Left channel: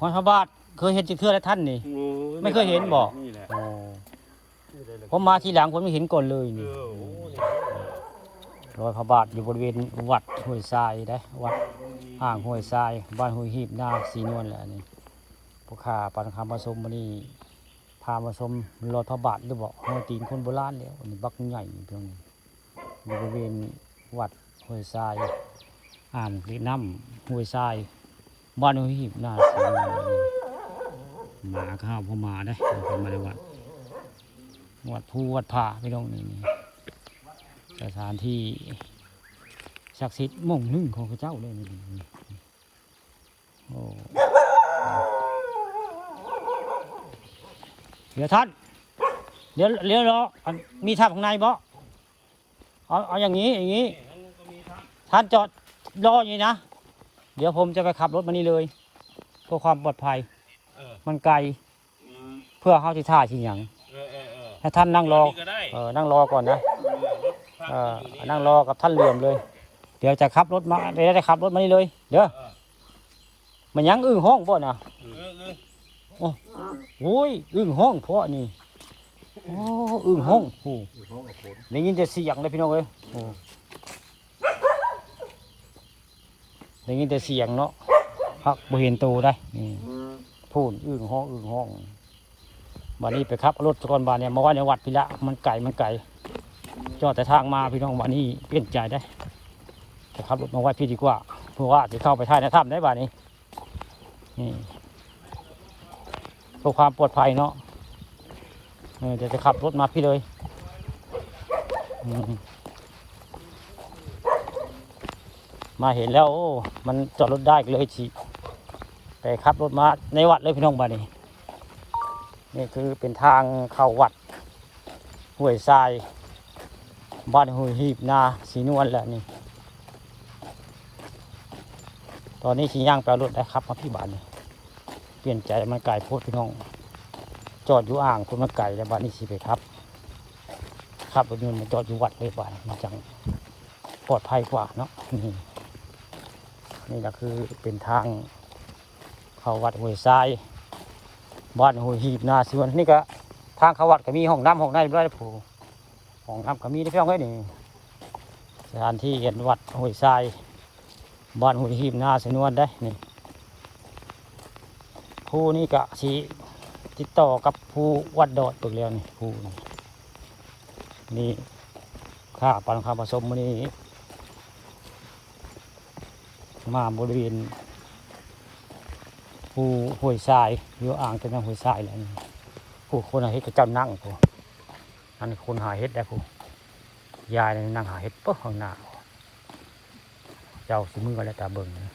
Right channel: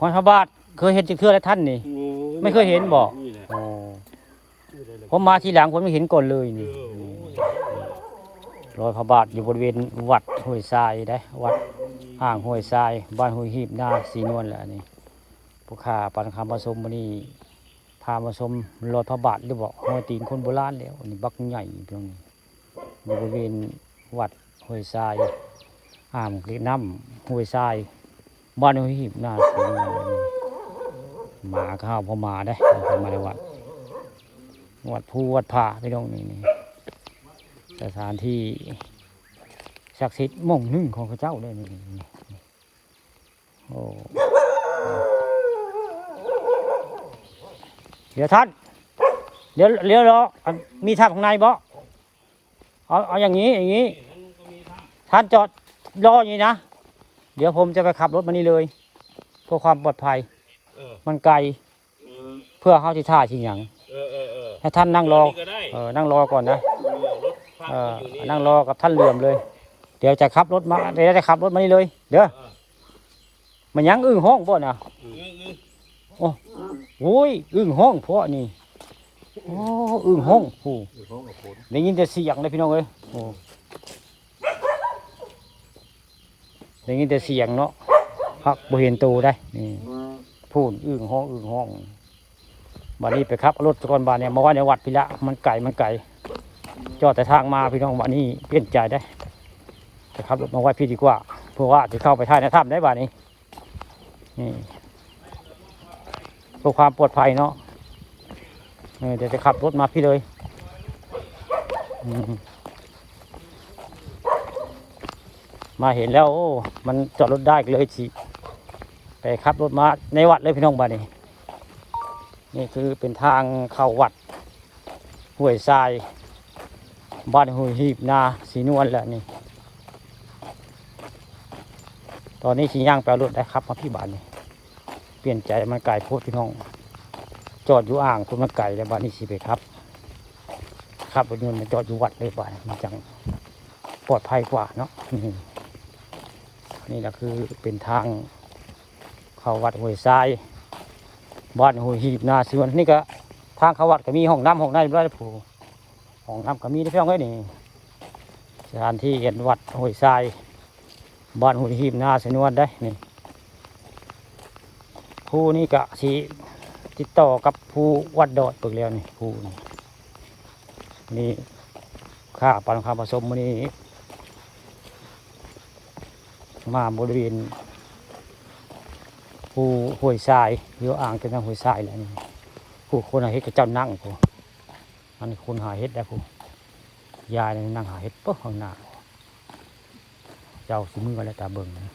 หอยพระบาทเคยเห็นจักเทื่อแล้วท่านนี่ไม่เคยเห็นบ่ผมมาทีหลังผมไม่เห็นก่อนเลยนี่รอยพระบาทอยู่บริเวณวัดห้วยทรายได้วัดอ่างห้วยทรายบ้านห้วยหีบหน้าสีนวลแหละนี่ผู้ข่าปันคำผสมมันนี่พามาชมรอยพระบาทหรือบอกหัวตีนคนโบราณแล้วนี่บักใหญ่ตรงนี้อยู่บริเวณวัดห้วยทรายอ่างเล็กน้ำห้วยทรายบ้านห้วยหีบหน้าสีนวลหมาข้าวพอมาได้มาในวัดภูวัดผาไปตรงนี้สถานที่ศักดิ์สิทธิ์ม่งหนึ่งของพระเจ้าเลยนี่โอ้เดี๋ยวท่านเดี๋ยวรอมีท่าข้างในบ่เอาอย่างนี้ท่านจอดรออย่างนี้นะเดี๋ยวผมจะไปขับรถมานี่เลยเพื่อความปลอดภัยมันไกลเพื่อเข้าที่ท่าที่อย่างให้ท่านนั่งรอนั่งรอก่อนนะนั่งรอกับท่านเหลื่อมเลยเดี๋ยวจะขับรถมาเดี๋ยวจะขับรถมานี่เลยเดี๋ยวมันยังอึ้งห้องพ่อนะโอ้ยอึ้งห้องพ่อนี่โอ้อึ้งห้องโอ้ได้ยินแต่เสียงเลยพี่น้องเลยได้ยินแต่เสียงเนาะพักบริเวณตูได้พูดอึ้งห้องวันนี้ไปครับรถจักรบาลเนี่ยมาว่าในวัดพี่ละมันไก่จอดแต่ทางมาพี่น้องวันนี้เปลี่ยนใจได้จะขับรถมาไหว้พี่ดีกว่าเพราะว่าจะเข้าไปท่าในถ้ำได้บ้านนี้เพื่อความปลอดภัยเนาะเดี๋ยวจะขับรถมาพี่เลยมาเห็นแล้วโอ้มันจอดรถได้เลยสิไปขับรถมาในวัดเลยพี่น้องบ้านนี้นี่คือเป็นทางเข้าวัดห้วยทรายบ้านห้วยหีบนาสีนวลแหละนี่ตอนนี้ชี้ย่างแปลรถได้ครับมาพี่บ้านนี่เปลี่ยนใจมันไก่พูดพี่น้องจอดอยู่อ่างคุณมันไก่แล้วบ้านนี้ชี้ไปครับรถยนต์จอดอยู่วัดเลยบ้านนี้จังปลอดภัยกว่าเนาะนี่แหละคือเป็นทางเข้าวัดห้วยทรายบ้านห้วยหีบนาสีนวลนี่ก็ทางเขาวัดก็มีห้องน้ำห้องในด้วยผู้ของน้ำก็มีได้เพียงแค่นี้สถานที่เห็นวัดห้วยทรายบ้านห้วยหีบนาสีนวลได้นี่ผู้นี้ก็ชี้ติดต่อกับผู้วัดดอดตัวเรียนผู้นี่ข้าปันความผสมมันนี้มาบริเวณผู้ห้วยทรายหรืออ่างเป็นทางห้วยทรายแล้วผู้คนหาเห็ดก็เจ้านั่งไปอันคนหาเห็ดได้ผู้ยายนั่งหาเห็ดปุ๊บข้างหน้าเจ้าสมือกันแล้วตาเบิ่งเลย